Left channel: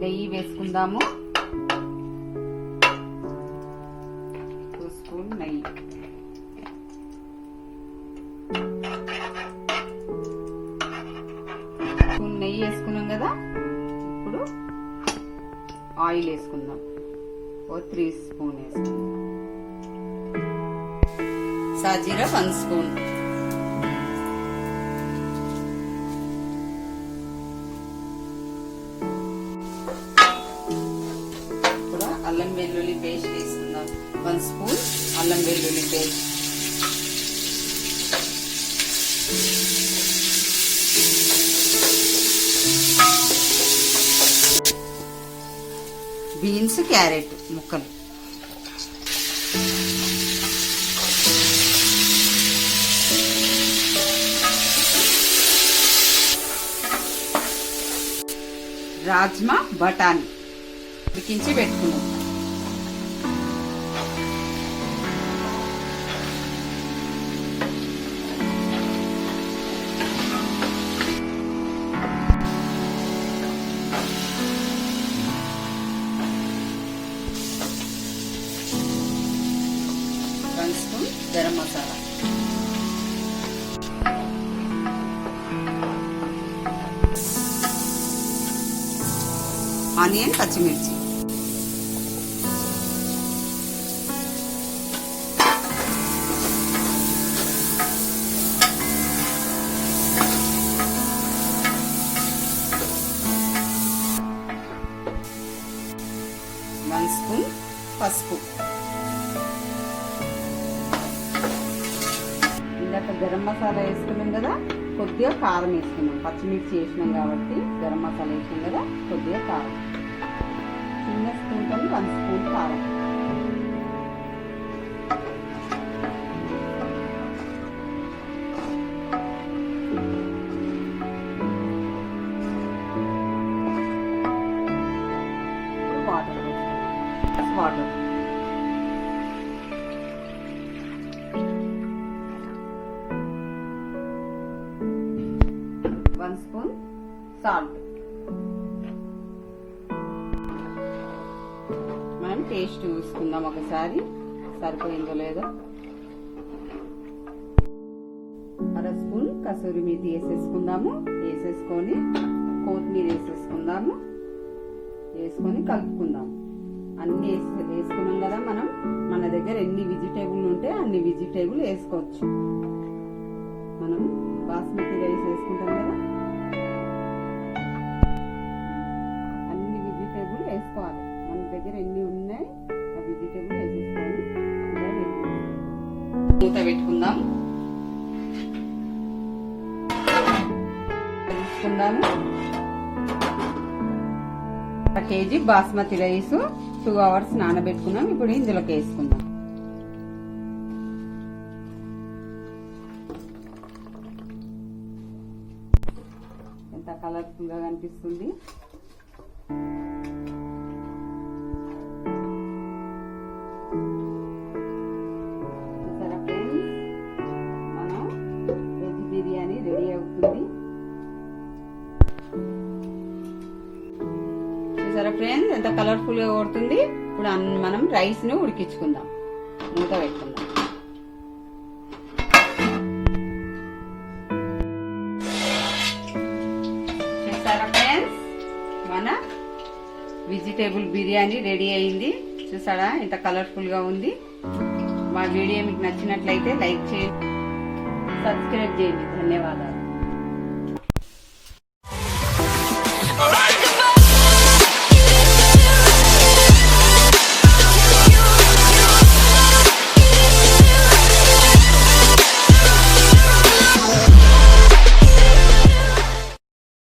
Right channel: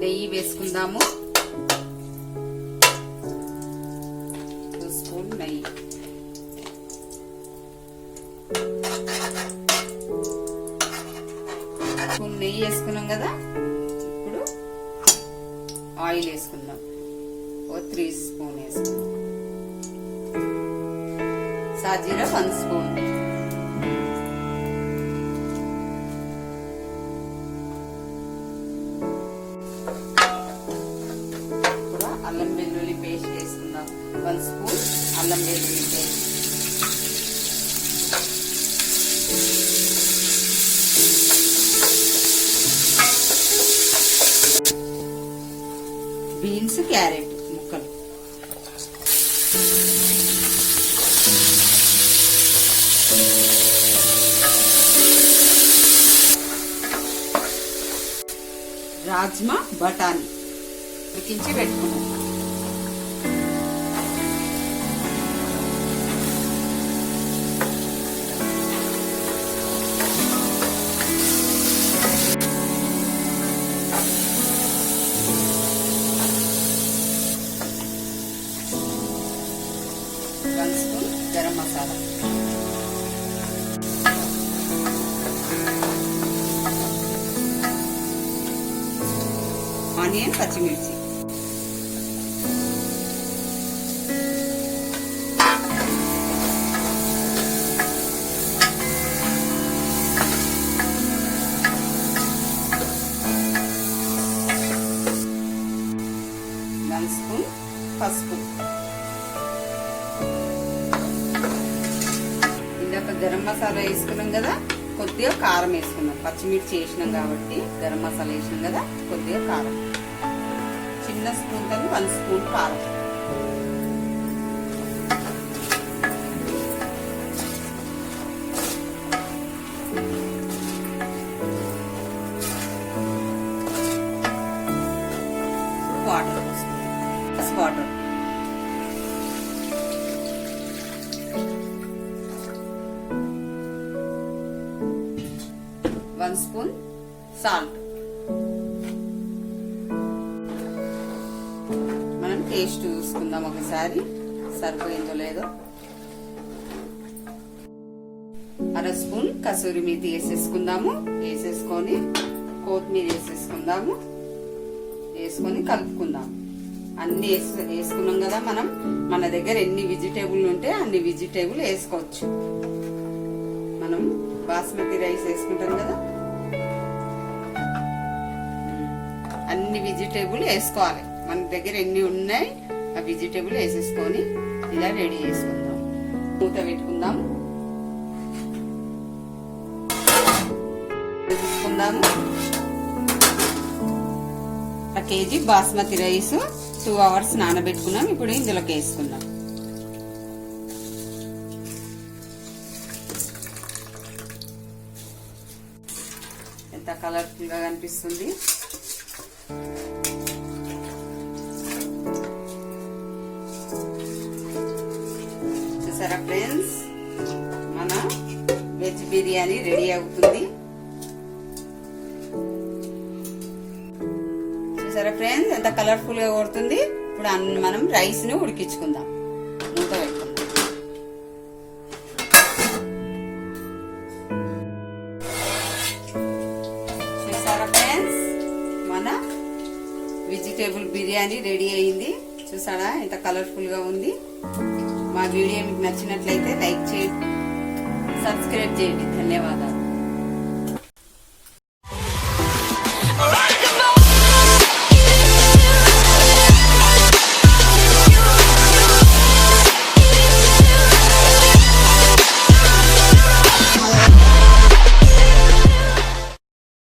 నెయ్యి వేసుకుందాము. 2 స్పూన్ నెయ్యి. స్పూన్ నెయ్యి వేసుకున్నాం కదా. ఇప్పుడు ఆయిల్ వేసుకుందాం. 3 స్పూన్ వేసుకుందాం. సాజీరా 1 స్పూన్. ఇప్పుడు అల్లం వెల్లుల్లి పేస్ట్ వేసుకుందాం. 1 స్పూన్ అల్లం వెల్లుల్లి పేస్ట్. బీన్స్ క్యారెట్ ముక్కలు. రాజ్మా బఠానీ ఉడికించి పెట్టుకున్నాం. గరం మసాలా. ఆనియన్ పచ్చిమిర్చి. వన్ స్పూన్ పసుపు. ఇందాక గరం మసాలా వేసుకున్నాం కదా, కొద్దిగా కారం వేసుకున్నాం. పచ్చిమిర్చి వేసినాం కాబట్టి గరం మసాలా వేసినాం కదా, కొద్దిగా కారం. చిన్న స్పూన్ కానీ 1 స్పూన్ కారం. వాటర్ పోసుకుంటాం. వాటర్. One spoon salt. మనం టేస్ట్ చూసుకుందాం ఒకసారి సరిపోయిందో లేదో. 1/2 స్పూన్ కసూరి మేతి వేసేసుకుందాము. వేసేసుకొని కొత్తిమీర వేసేసుకుందాము. వేసుకొని కలుపుకుందాం. అన్ని వేసుకున్నాం కదా మనం. మన దగ్గర ఎన్ని వెజిటేబుల్ ఉంటే అన్ని వెజిటేబుల్ వేసుకోవచ్చు. మనం బాస్మతి రైస్ వేసుకుంటాం కదా, అన్ని వెజిటేబుల్ వేసుకోవాలి. మన దగ్గర ఎన్ని ఉన్నాయి ఆ వెజిటేబుల్ వేసేసుకొని ఇలా రెడీ చేసుకుందాం. మూత పెట్టుకుందాం. తీసుకుందాము. 1 కేజీ బాస్మతి రైస్ 2 అవర్స్ నానబెట్టుకున్నాం. ఇప్పుడు ఇందులోకి వేసుకుందాం. ఎంత కలర్ఫుల్ గా కనిపిస్తుంది. చూసారా ఫ్రెండ్స్, మన వెజ్ బిర్యానీ రెడీ అవుతుంది. చూసారా ఫ్రెండ్స్, ఎంత కలర్ఫుల్ గా కొడుతుంది. ఇప్పుడు మనం రైస్ ను ఉడికించుకుందాం. మూత పెట్టుకుందాం. చూసారా ఫ్రెండ్స్, మన వెజిటేబుల్ బిర్యానీ రెడీ అయింది. చూసారా ఎంత కలర్ఫుల్ గా ఉంది. మా వీడియో మీకు నచ్చినట్లయితే లైక్ చేయండి, సబ్స్క్రైబ్ చేయండి. ధన్యవాదాలు.